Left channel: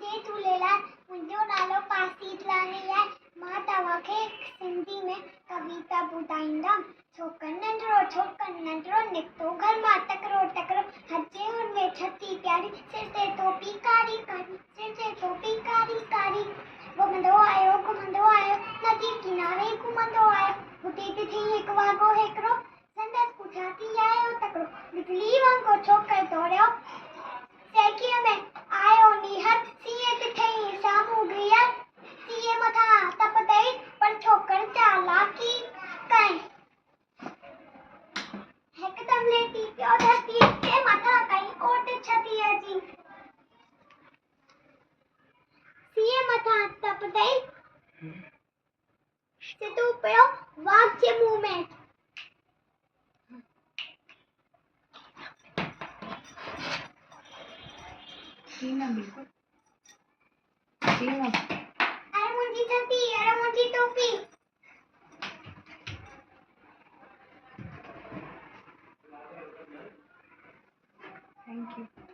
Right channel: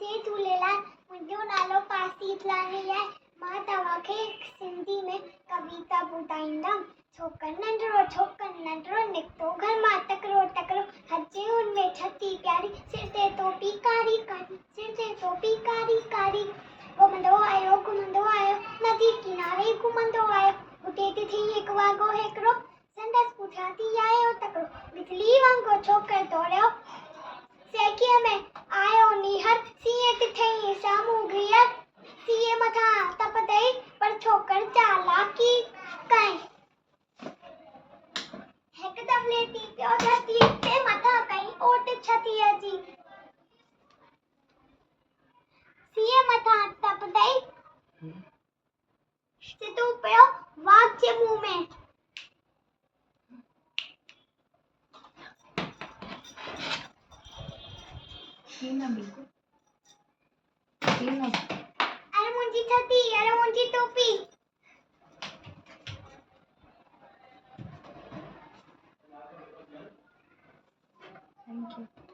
जय झूलेलाल। मुंहिंजो नालो पासीतलानी आहे। मां तव्हांखे सिंधी में कविता ॿुधाईंदमि। छोकिरो नंढड़ो निकितो घर मां तकिड़ो हजे हुनमें छती प्यारी, सिर ते टोपी कारी कारी। घुमंदो आयो नदी किनारे घुमंदो आयो। हुते थी हिकु वाॻो हिकिड़ो, संदसि पुठियां थी आयो तकिड़ो। बिजली वांगुरु छोकिरो दौड़ियो, सैकीअ में आयो नीहर। सीए ॾिठई साम्हूं घीअर, सीए मथां तपंदई पर छोकिरो चालाकी कई। हिकदमि लेटी पियो धरतीअ ते मथां कई ओट छतीअ जी। सीए मथां तपंदई सिधो पियो वाघ जे मुंहं में। बिल्कुल अरे मुंहिंजी छती, अरे मुंहिंजी टोपी। Thank you.